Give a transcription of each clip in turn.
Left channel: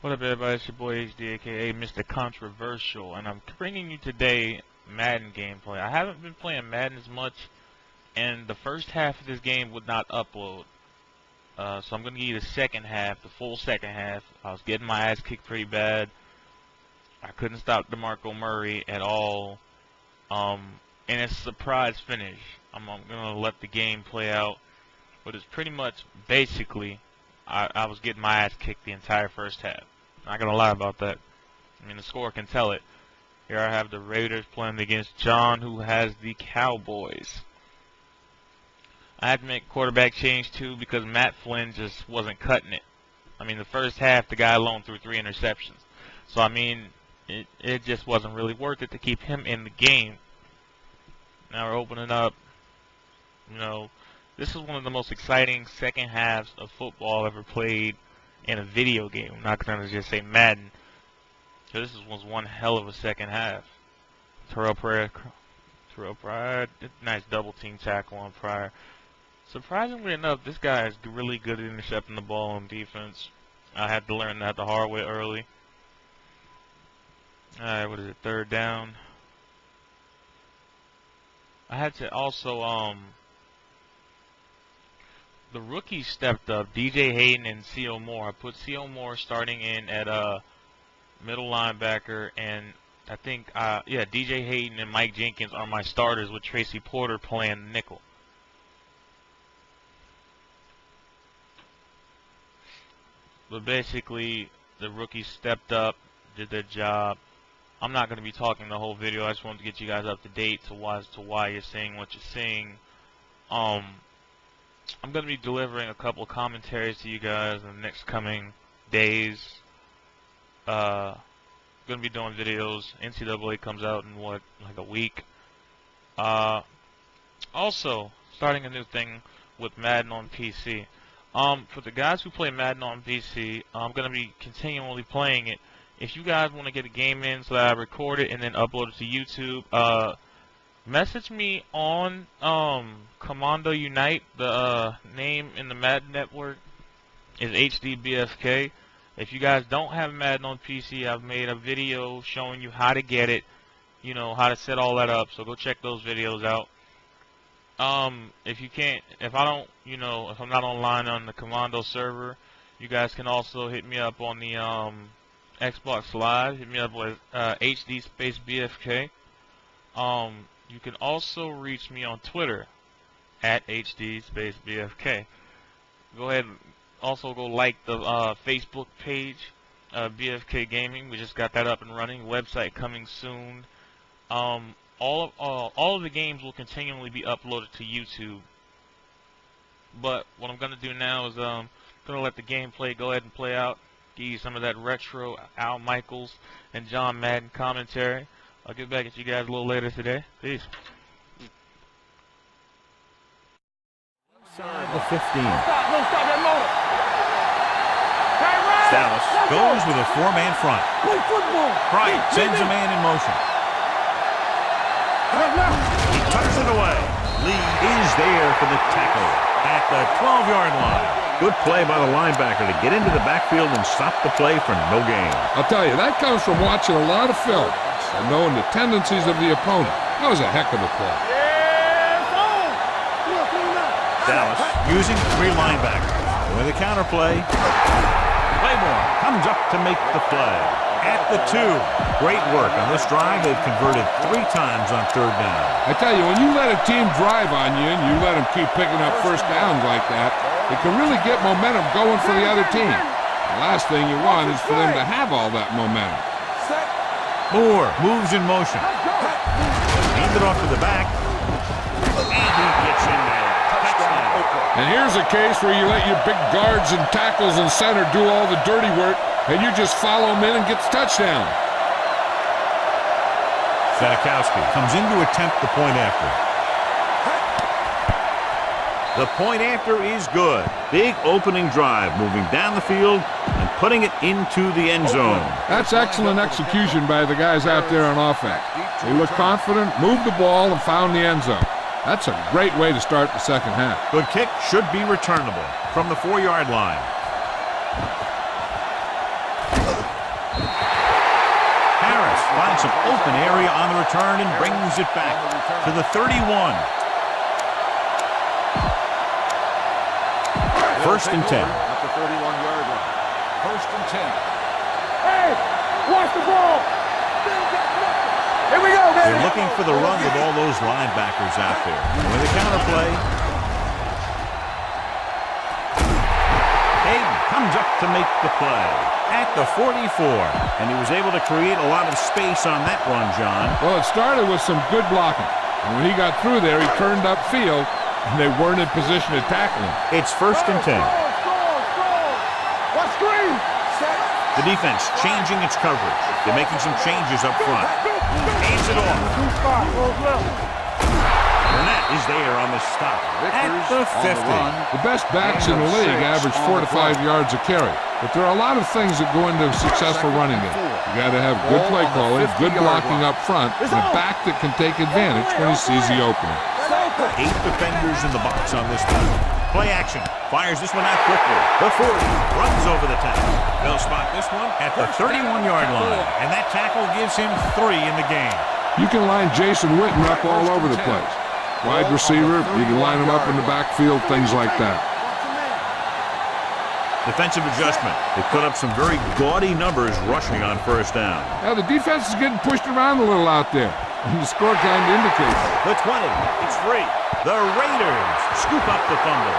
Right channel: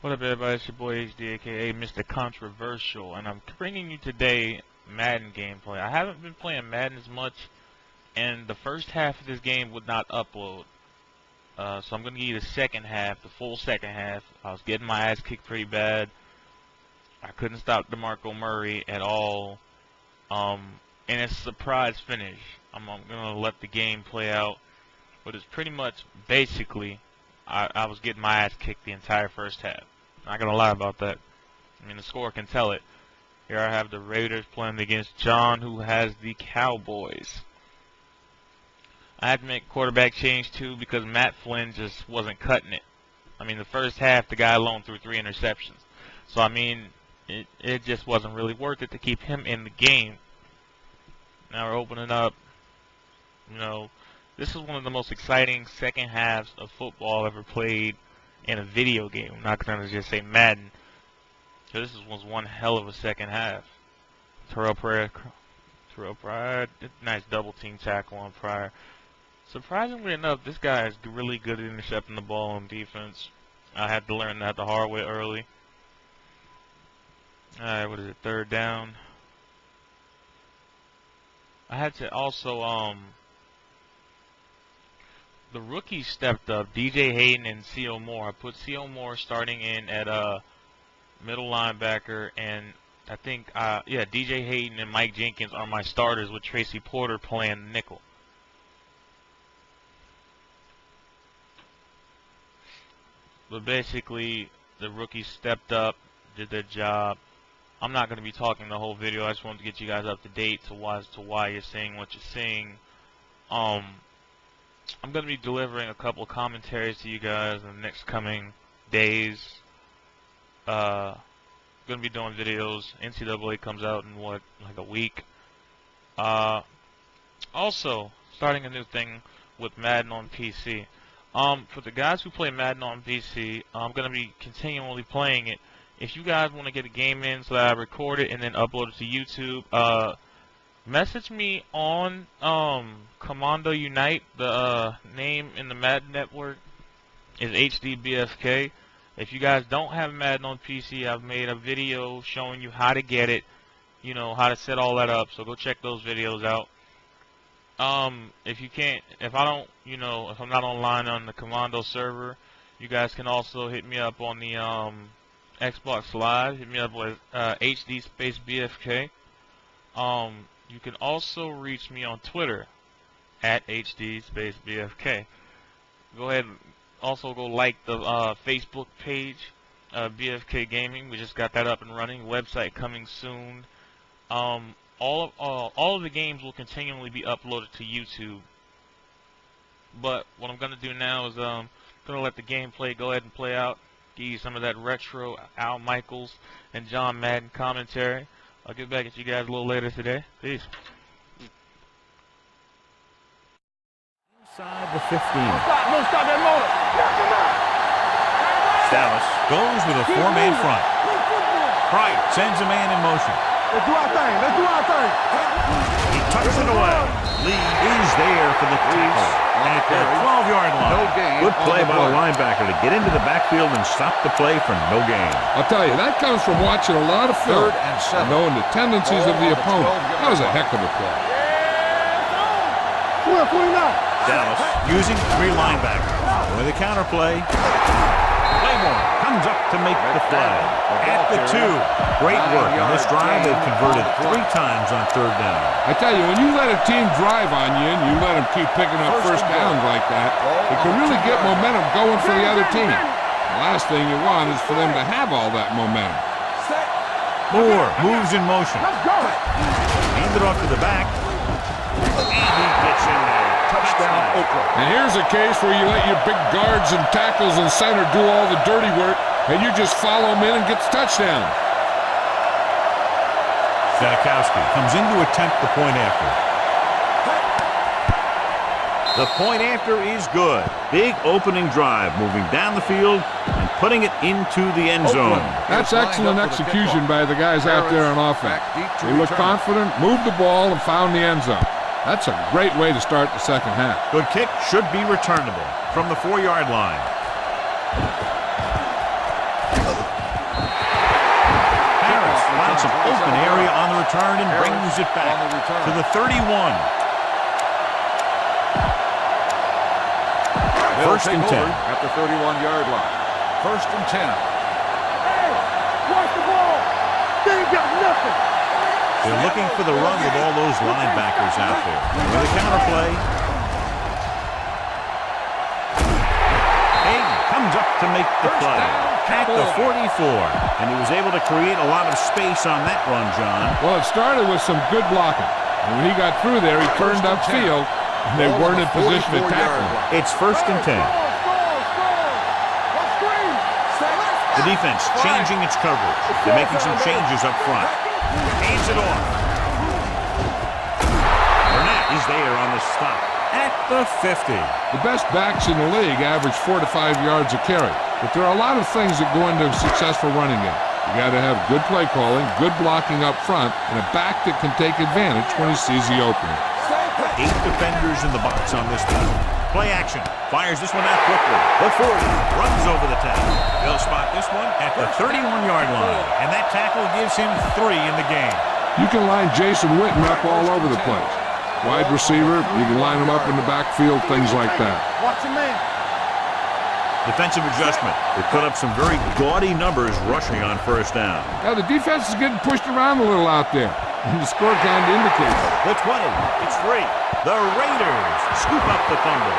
What up, everybody? It's your boy HD, aka Mr. Controversial, and I'm bringing you today Madden gameplay. I haven't been playing Madden as much, and the first half of this game would not upload. So I'm going to give you the second half, the full second half. I was getting my ass kicked pretty bad. I couldn't stop DeMarco Murray at all. And it's a surprise finish. I'm going to let the game play out, but it's pretty much basically I was getting my ass kicked the entire first half. Not gonna lie about that. I mean, the score can tell it. Here I have the Raiders playing against John, who has the Cowboys. I had to make a quarterback change too because Matt Flynn just wasn't cutting it. I mean, the first half the guy alone threw 3 interceptions. So I mean, it just wasn't really worth it to keep him in the game. Now we're opening up. You know, this is one of the most exciting second halves of football ever played in a video game. I'm not going to just say Madden. So this was one hell of a second half. Terrell Pryor, nice double team tackle on Pryor. Surprisingly enough, this guy is really good at intercepting the ball on defense. I had to learn that the hard way early. Alright, what is it, third down? I had to also, the rookies stepped up, DJ Hayden and C.O. Moore. I put C.O. Moore starting in at middle linebacker, and I think, yeah, DJ Hayden and Mike Jenkins are my starters with Tracy Porter playing nickel. But basically, the rookies stepped up, did their job. I'm not going to be talking the whole video. I just wanted to get you guys up to date as to why you're seeing what you're seeing. I'm going to be delivering a couple of commentaries to you guys in the next coming days. Going to be doing videos. NCAA comes out in like a week. Also, starting a new thing with Madden on PC. For the guys who play Madden on PC, I'm going to be continually playing it. If you guys want to get a game in so that I record it and then upload it to YouTube, message me on Commando Unite. The name in the Madden network is HDvsJON. If you guys don't have Madden on PC, I've made a video showing you how to get it, you know, how to set all that up. So go check those videos out. If I don't, you know, if I'm not online on the Commando server, you guys can also hit me up on the Xbox Live. Hit me up with HDvsJON. You can also reach me on Twitter at HDvsJON. Go ahead and also go like the Facebook page, BFK Gaming. We just got that up and running. Website coming soon. All of the games will continually be uploaded to YouTube. But what I'm going to do now is going to let the gameplay go ahead and play out. Give you some of that retro Al Michaels and John Madden commentary. I'll get back at you guys a little later today. Peace. Inside the 15. No, stop that motor. Dallas goes with a 4-man front. Bryant sends a man in motion. Let's do our thing. Let's do our thing. He tucks it away. Lee is there for the tackle at the 12-yard line. Good play by the linebacker to get into the backfield and stop the play for no gain. I'll tell you, that comes from watching a lot of film and knowing the tendencies of the opponent. That was a heck of a play. Dallas using 3 linebackers. With a counter play. Claymore comes up to make the play. At the 2. Great work on this drive. They've converted 3 times on 3rd down. I tell you, when you let a team drive on you and you let them keep picking up first downs like that, it can really get momentum going for the other team. The last thing you want is for them to have all that momentum. Moore moves in motion. Hand it off to the back. And he gets in there. Touchdown, Oakland. And here's a case where you let your big guards and tackles and center do all the dirty work, and you just follow them in and get the touchdown. Zanikowski comes in to attempt the point after. The point after is good. Big opening drive, moving down the field and putting it into the end zone. That's excellent execution by the guys out there on offense. They looked confident, moved the ball, and found the end zone. That's a great way to start the second half. Good kick, should be returnable from the 4-yard line. defense finds some open area on the return and brings it back to the 31. First and 10. At the 31-yard line. First and 10. Hey, watch the ball. They ain't got nothing. Here we go, man. They're looking for the run with all those linebackers out there. With the counter play. Hayden comes up to make the play at the 44. And he was able to create a lot of space on that run, John. Well, it started with some good blocking. And when he got through there, he turned upfield, and they weren't in position to tackle him. It's first and 10. What screen? The defense changing its coverage. They're making some changes up front. Hands it off. Burnett is there on the stop at the 50. The best backs in the league average 4 to 5 yards a carry. But there are a lot of things that go into a successful running game. You got to have good play calling, good blocking up front, and a back that can take advantage when he sees the opening. 8 defenders in the box on this one. Play action. Fires this one out quickly. The 40 runs over the tackle. They'll spot this one at the 31-yard line. And that tackle gives him 3 in the game. You can line Jason Witten up all over the place. Wide receiver, you can line him up in the backfield, things like that. Watch a man. Defensive adjustment. They put up some very gaudy numbers rushing on first down. Now, the defense is getting pushed around a little out there. And the score kind of indicates it. The 20. It's free. The Raiders scoop up the fumble.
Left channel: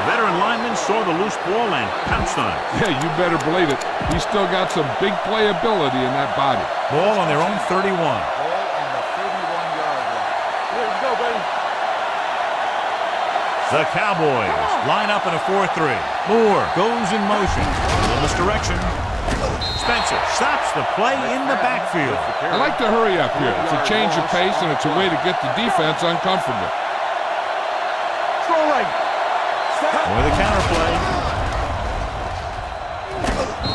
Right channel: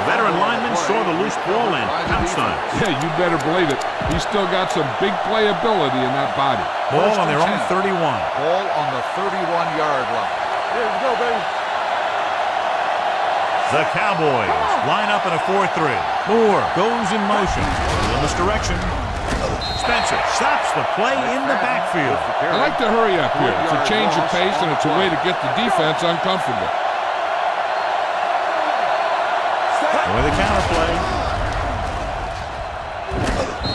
The veteran lineman saw the loose ball and pounced on it. Yeah, you better believe it. He's still got some big playability in that body. Ball on their own 31. Ball on the 31-yard line. Here we go, baby. The Cowboys line up in a 4-3. Moore goes in motion. In this direction. Spencer stops the play in the backfield. I like to hurry up here. It's a change of pace, and it's a way to get the defense uncomfortable. With a counter play.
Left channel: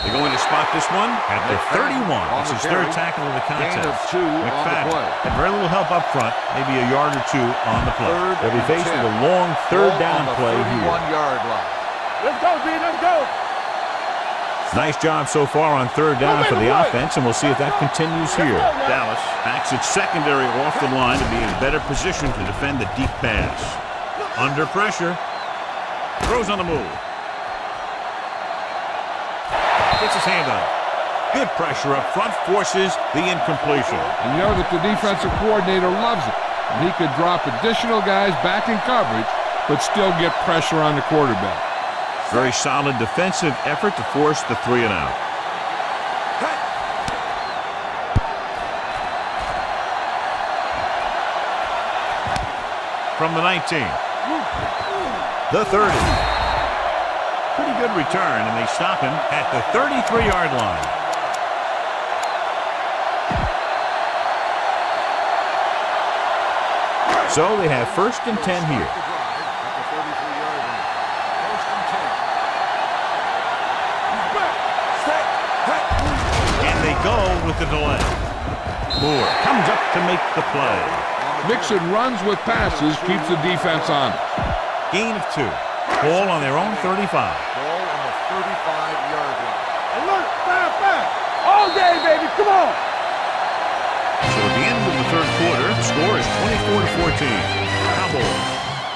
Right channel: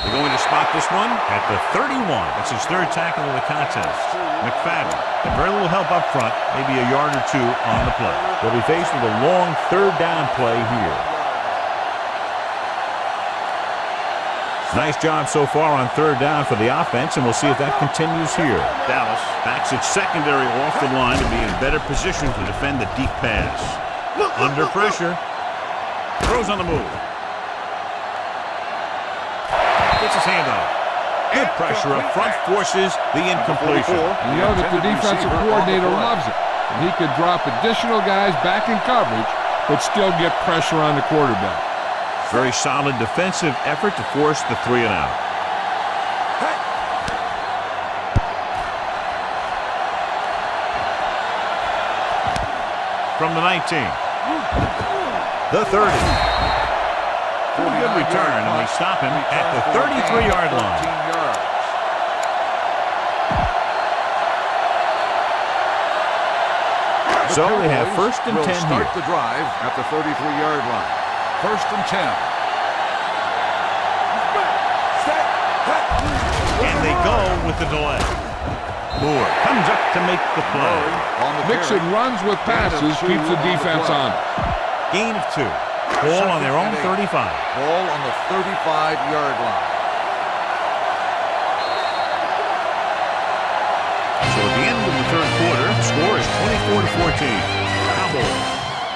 They're going to spot this one at the 31. That's his third tackle of the contest. McFadden had very little help up front, maybe a yard or two on the play. They'll be faced with a long third down play here. Let's go, D. Let's go. Nice job so far on third down for the offense, and we'll see if that continues here. Dallas backs its secondary off the line to be in better position to defend the deep pass. Under pressure. Throws on the move. Gets his hand on it. Good pressure up front, forces the incompletion. And you know that the defensive coordinator loves it. And he could drop additional guys back in coverage, but still get pressure on the quarterback. Very solid defensive effort to force the 3 and out. From the 19. The 30. Pretty good return, and they stop him at the 33-yard line. So they have first and 10 here. The drive at the 33-yard line. First and 10. And they go with the delay. Moore comes up to make the play. Mixing runs with passes keeps the defense honest. Gain of 2. Ball on their own 35. Ball on the 35-yard line. All day, baby. Come on. So at the end of the third quarter, the score is 24-14. Cowboys.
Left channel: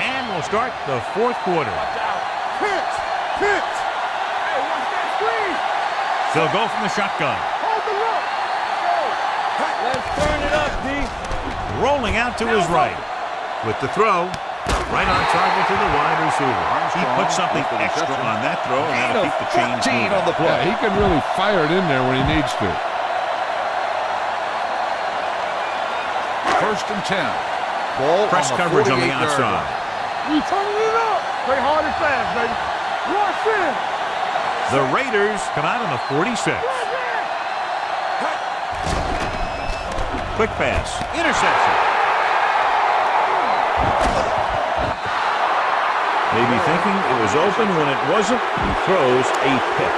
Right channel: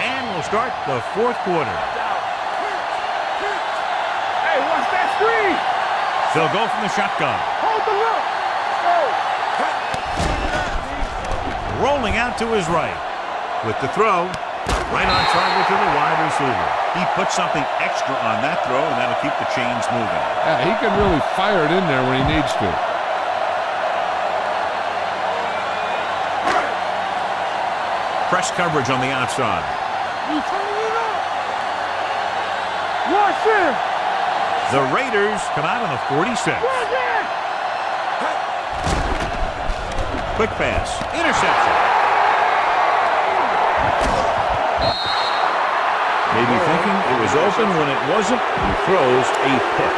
And we'll start the fourth quarter. Watch out. Pitch. Hey, watch that screen. They'll go from the shotgun. Hold the look. Let's go. Let's turn it up, D. Rolling out to his right. With the throw, right on target to the wide receiver. He puts something extra on that throw, and that'll keep the chains moving. Yeah, he can really fire it in there when he needs to. First and 10. Press coverage on the outside. We turning it up. Play hard and fast, baby. Rush in. The Raiders come out on the 46. Quick pass. Interception. Maybe thinking it was open when it wasn't. He throws a pick.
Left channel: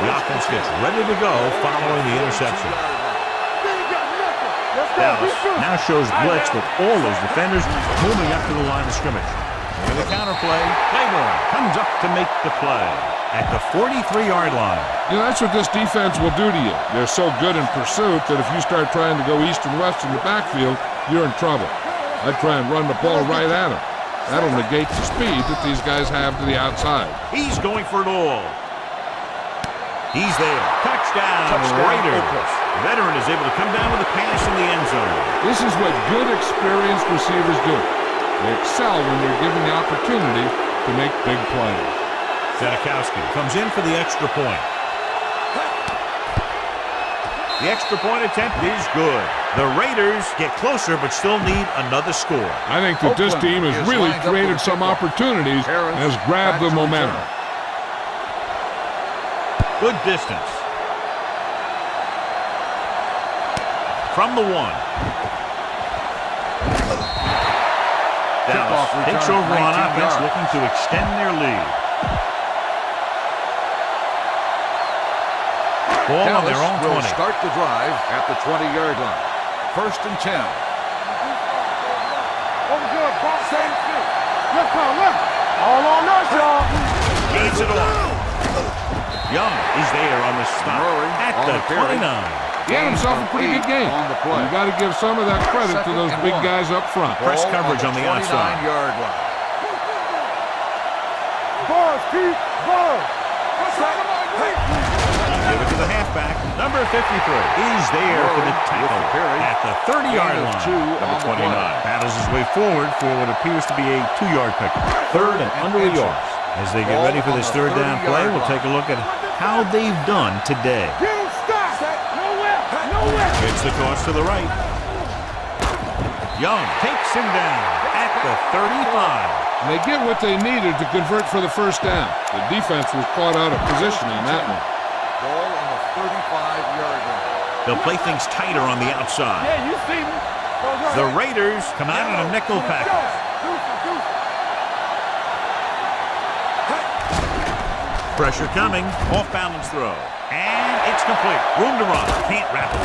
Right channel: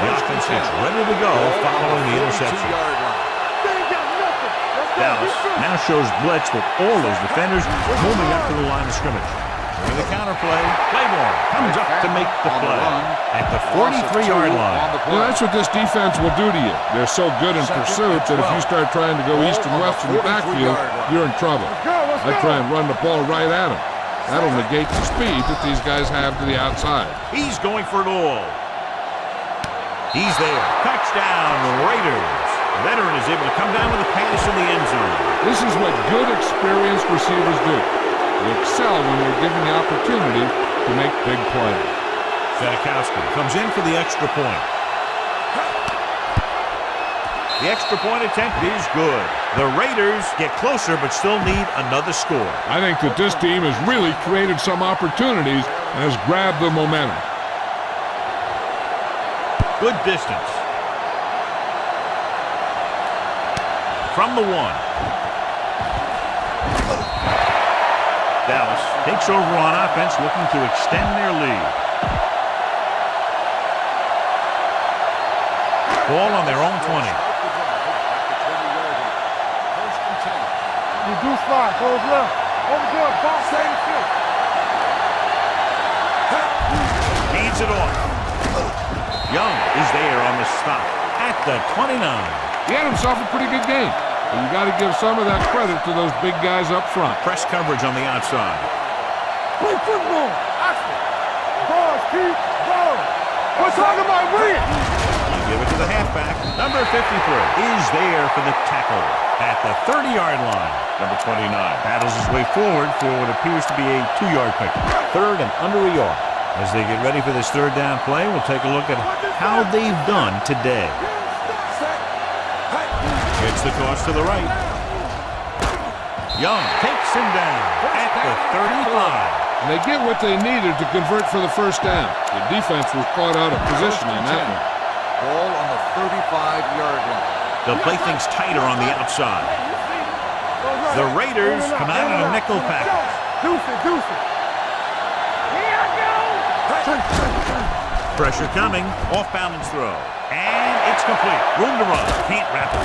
The offense gets ready to go following the interception. Dallas now shows blitz with all those defenders moving up to the line of scrimmage. With the counter play, Claiborne comes up to make the play at the 43-yard line. You know, that's what this defense will do to you. They're so good in pursuit that if you start trying to go east and west in the backfield, you're in trouble. I try and run the ball right at them. That'll negate the speed that these guys have to the outside. He's going for it all. He's there. Touchdown, Raiders. The veteran is able to come down with a pass in the end zone. This is what good, experienced receivers do. They excel when they're given the opportunity to make big plays. Janikowski comes in for the extra point. The extra point attempt is good. The Raiders get closer but still need another score. I think that this team has really created some opportunities and has grabbed the momentum. Good distance. From the 1. Dallas takes over on offense, looking to extend their lead. Ball on their own 20. Start the drive at the 20-yard line. 1st and 10. Reduce 5, close left. Over good, box 86. Left now, left. All on us, y'all. Hands it off. Young is there on the stop at the 29. He had himself a pretty good game. And you got to give some of that credit to those big guys up front. Press coverage on the outside. Play football. Bars, Keith, bars. What's on my wing? Give it to the halfback. Number 53 is there for the tackle at the 30-yard line. Number 29 battles his way forward for what appears to be a 2-yard pickup. 3rd and under a yard. As they get ready for this 3rd down play, we'll take a look at how they've done today. Gets the toss to the right. Young takes him down at the 35. And they get what they needed to convert for the 1st down. The defense was caught out of position on that one. Ball on the 35-yard line. They'll play things tighter on the outside. Yeah, you see me. The Raiders come out in a nickel package. Deuce it. Pressure coming. Off-balance throw. And it's complete. Room to run. Can't wrap it.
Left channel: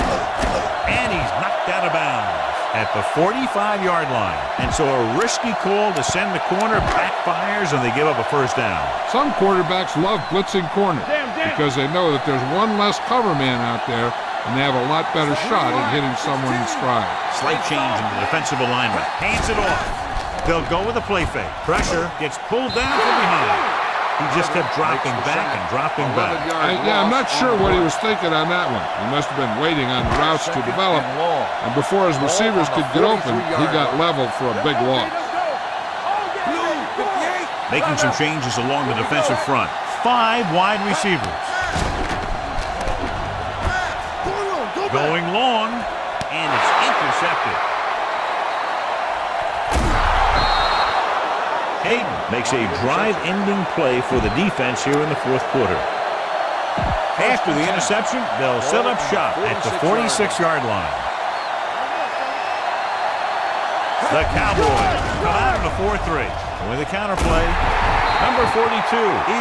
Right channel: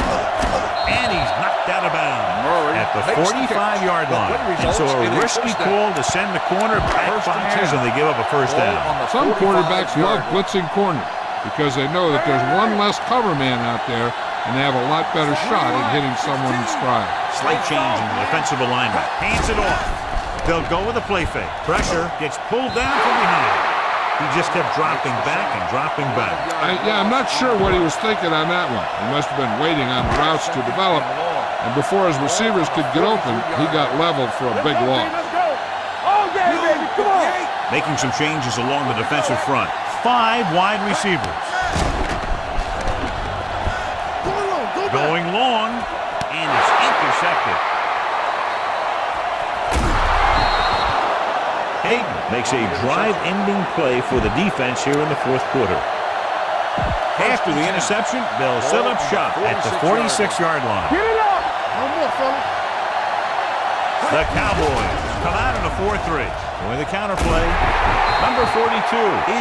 And he's knocked out of bounds at the 45-yard line. And so a risky call to send the corner backfires and they give up a 1st down. Some quarterbacks love blitzing corners because they know that there's one less cover man out there and they have a lot better shot at hitting someone in stride. Slight change in the defensive alignment. Hands it off. They'll go with a play fake. Pressure gets pulled down from behind. He just kept dropping back and dropping back. I'm not sure what he was thinking on that one. He must have been waiting on the routes to develop. And before his receivers could get open, he got leveled for a big loss. Making some changes along the defensive front. 5 wide receivers. Going long, and it's intercepted. Hayden makes a drive-ending play for the defense here in the 4th quarter. After the interception, they'll set up shop at the 46-yard line. The Cowboys come out in a 4-3. With a counter play, number 42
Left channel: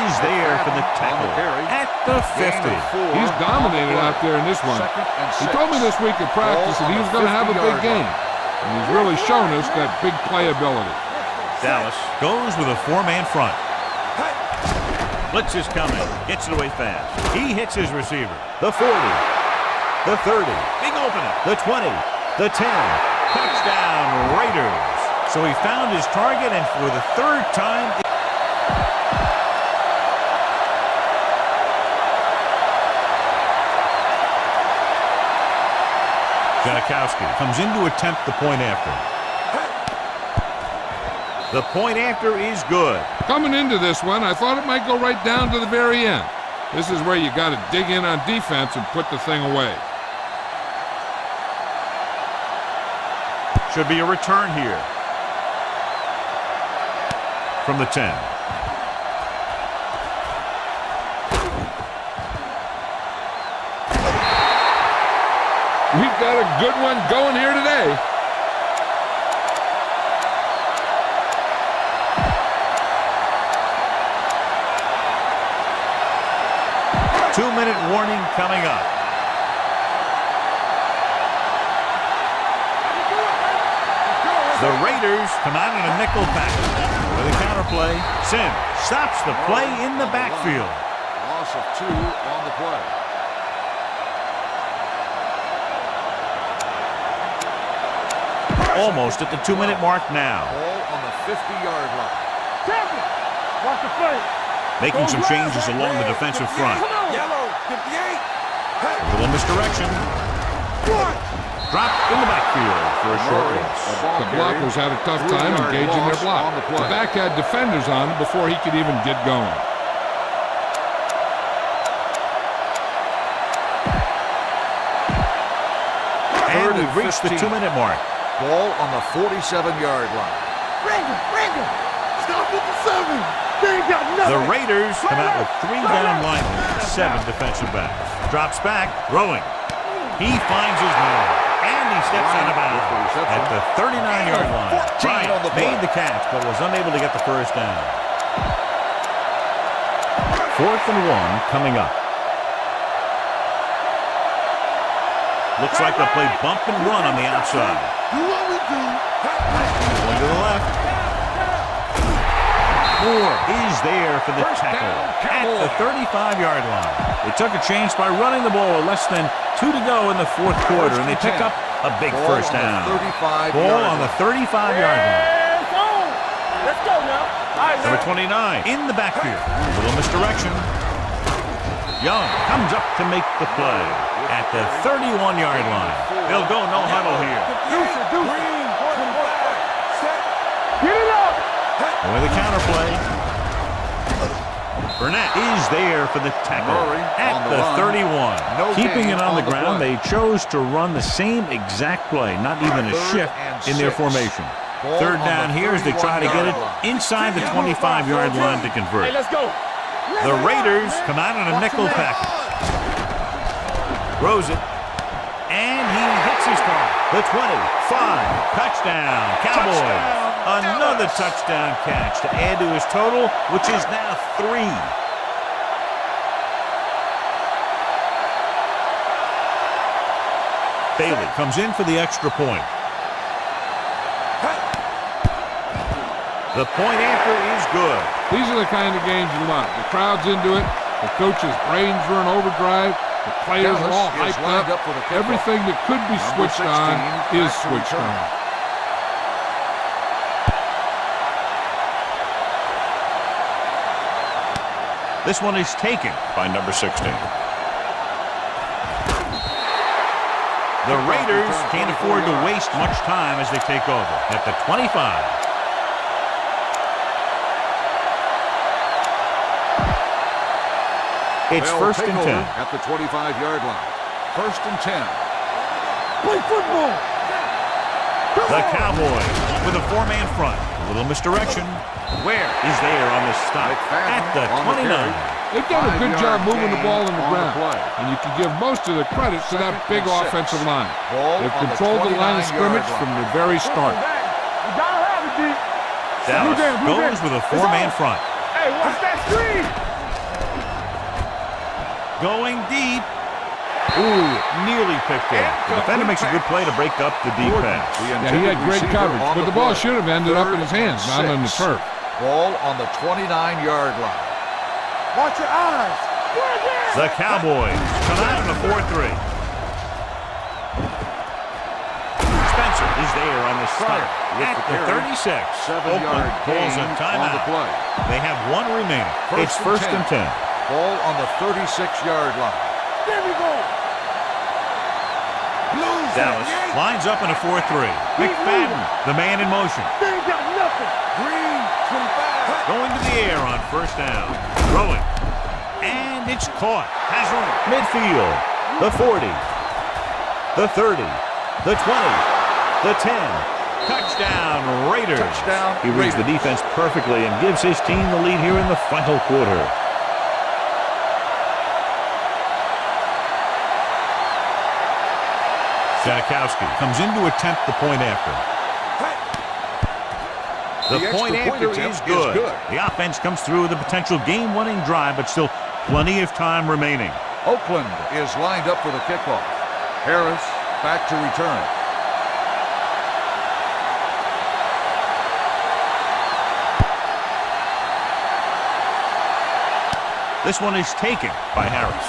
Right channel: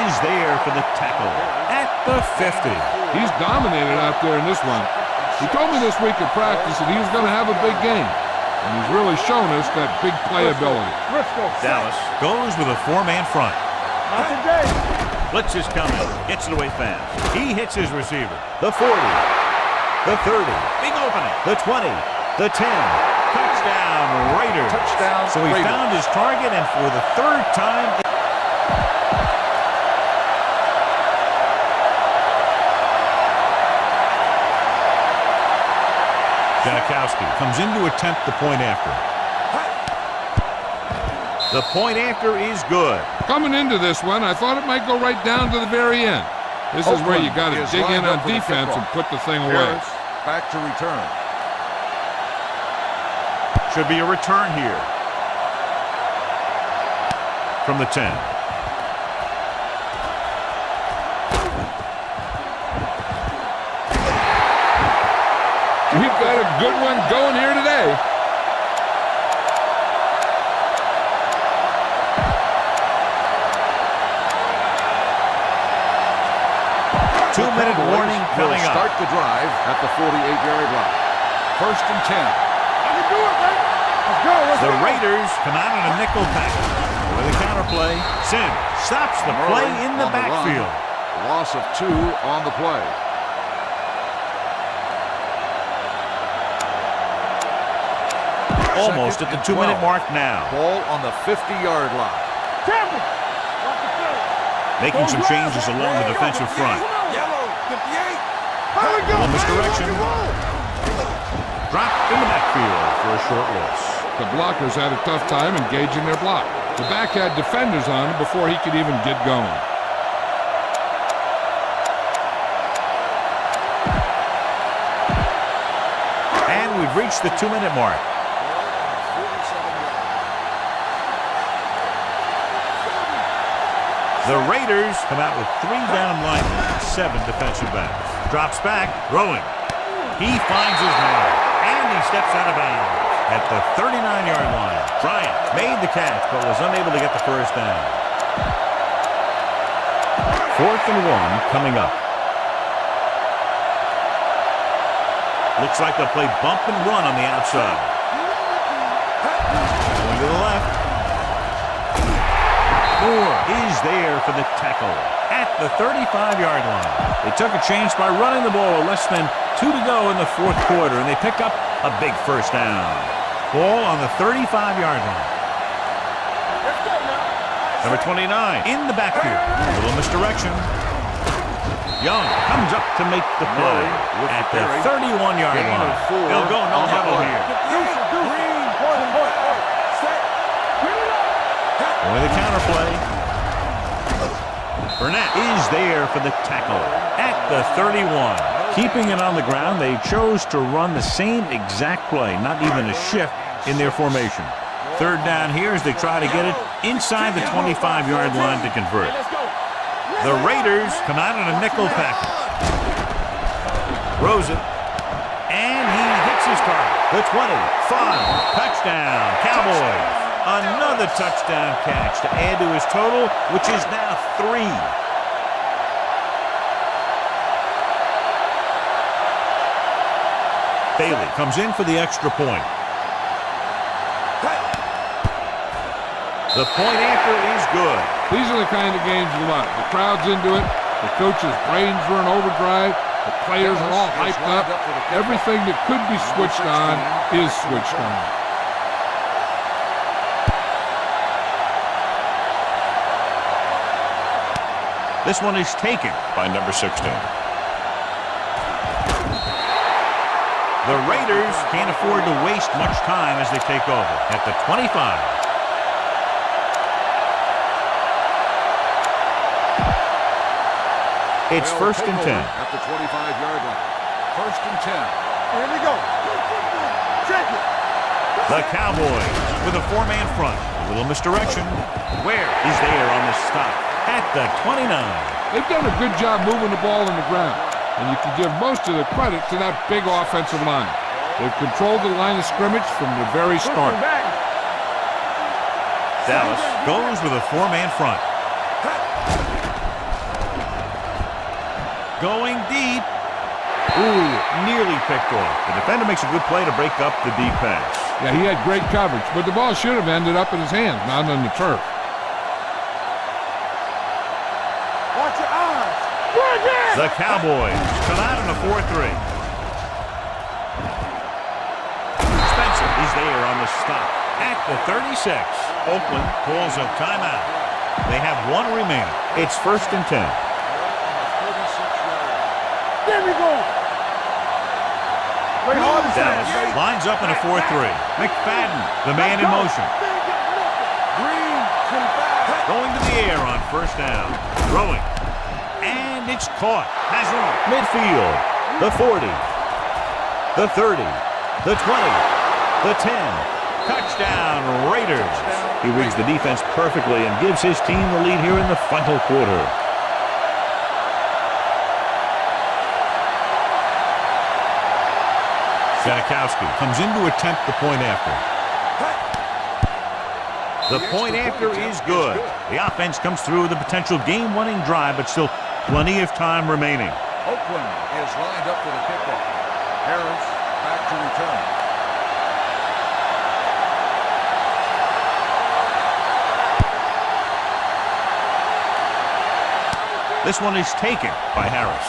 is there for the tackle at the 50. He's dominated out there in this one. He told me this week at practice that he was going to have a big game. And he's really shown us that big playability. Dallas goes with a 4-man front. Blitz is coming. Gets it away fast. He hits his receiver. The 40. The 30. Big opening. The 20. The 10. Touchdown, Raiders. So he found his target, and for the 3rd time... Janikowski comes in to attempt the point after. The point after is good. Coming into this one, I thought it might go right down to the very end. This is where you got to dig in on defense and put the thing away. Back to return. Should be a return here. From the 10. We've got a good one going here today. Two-minute warning coming up. Start the drive at the 48-yard line. 1st and 10. I can do it, baby. Let's go. The Raiders come out in a nickel package. With a counter play, Sim stops the play in the backfield. Loss of 2 on the play. Almost at the 2-minute mark now. Ball on the 50-yard line. Tampa. Watch the play. Making some changes along the defensive front. Yellow, 58. A little misdirection. Dropped in the backfield for a short loss. The blockers had a tough time engaging their block. The back had defenders on him before he could even get going. And we've reached the 2-minute mark. Ball on the 47-yard line. Stop with the 7. They ain't got nothing. The Raiders come out with 3 down linemen and 7 defensive backs. Drops back, throwing. He finds his man, and he steps out of bounds at the 39-yard line. Bryant made the catch, but was unable to get the first down. 4th and 1 coming up. Looks like they'll play bump and run on the outside. Going to the left. Moore is there for the tackle at the 35-yard line. They took a chance by running the ball with less than 2 to go in the 4th quarter, and they pick up a big first down. Ball on the 35-yard line. Let's go now. Number 29 in the backfield. A little misdirection. Young comes up to make the play at the 31-yard line. They'll go no huddle here. Green, set. Get it up. With a counter play. Burnett is there for the tackle at the 31. Keeping it on the ground, they chose to run the same exact play, not even a shift in their formation. 3rd down here as they try to get it inside the 25-yard line to convert. Hey, let's go. The Raiders come out in a nickel package. Throws it. And he hits his target. The 25. Touchdown, Cowboys. Another touchdown catch to add to his total, which is now 3. Bailey comes in for the extra point. The point after is good. These are the kind of games you love. The crowd's into it. The coach's brains are in overdrive. The players are all hyped up. Everything that could be switched on is switched on. This one is taken by number 16. The Raiders can't afford to waste much time as they take over at the 25. It's 1st and 10. At the 25-yard line. 1st and 10. Here we go. Play football. Check it. The Cowboys with a 4-man front. A little misdirection. Where is there on the stop? At the 29. They've done a good job moving the ball in the ground, and you can give most of the credit to that big offensive line. They've controlled the line of scrimmage from the very start. Dallas goes with a 4-man front. Hey, what's that screen? Going deep. Ooh, nearly picked off. The defender makes a good play to break up the deep pass. Yeah, he had great coverage, but the ball should have ended up in his hands, not on the turf. Ball on the 29-yard line. Watch your eyes. The Cowboys come out in a 4-3. Spencer is there on the stop at the 36. Oakland pulls a timeout. They have 1 remaining. It's 1st and 10. Ball on the 36-yard line. There we go. Dallas lines up in a 4-3. McFadden, the man in motion. They ain't got nothing. Green, 25. Going to the air on 1st down. Throwing. And it's caught. Has room. Midfield. The 40. The 30. The 20. The 10. Touchdown, Raiders. He reads the defense perfectly and gives his team the lead here in the final quarter. Janikowski comes in to attempt the point after. The point after is good. The offense comes through with a potential game-winning drive, but still plenty of time remaining. Oakland is lined up for the kickoff. Harris back to return. This one is taken by Harris.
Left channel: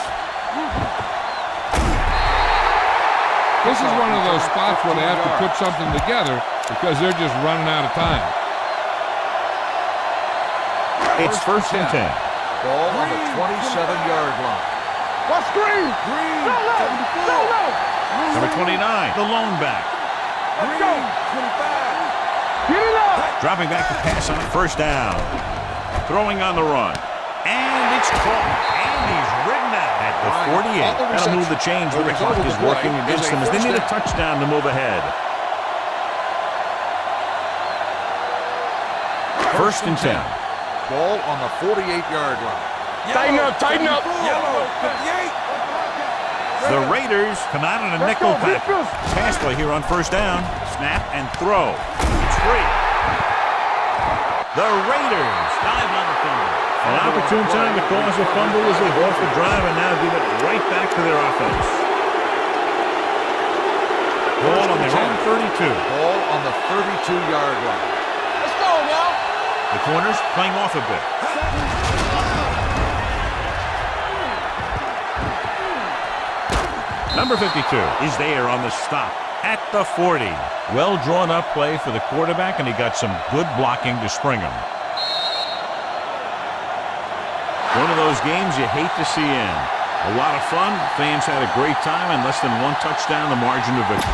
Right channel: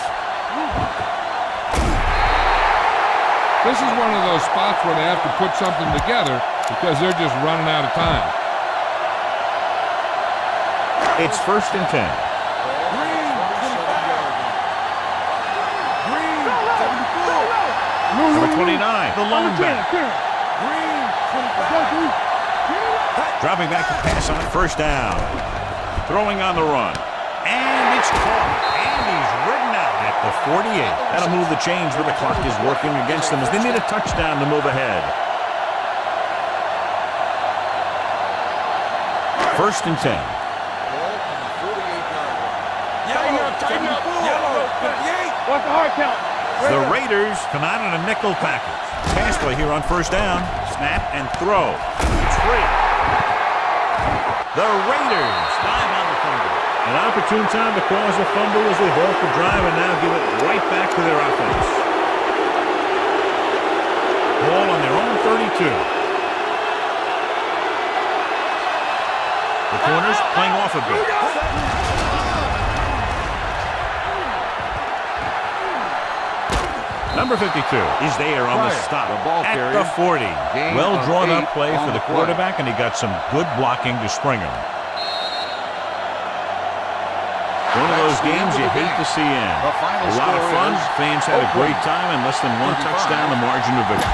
This is one of those spots where they have to put something together because they're just running out of time. It's first and 10. Ball on the 27-yard line. What's Green? Green, So low. 74. So low. Number 29, the lone back. Green, 25. Get it up. Dropping back to pass on first down. Throwing on the run. And it's caught. And he's ridden out at the 48. That'll move the chains, but the clock is working against them as they need a touchdown to move ahead. First and 10. Ball on the 48-yard line. Tighten up. Yellow, 58. What's the hard count? The Raiders come out in a nickel package. Pass play here on first down. Snap and throw. It's free. The Raiders dive on the fumble. An opportune time to cause a fumble as they halt the drive and now give it right back to their offense. Ball on their own 32. Ball on the 32-yard line. Let's go now. The corners playing off a bit. Number 52 is there on the stop at the 40. Well drawn up play for the quarterback, and he got some good blocking to spring him. One of those games you hate to see end. A lot of fun. Fans had a great time, and less than one touchdown, the margin of victory.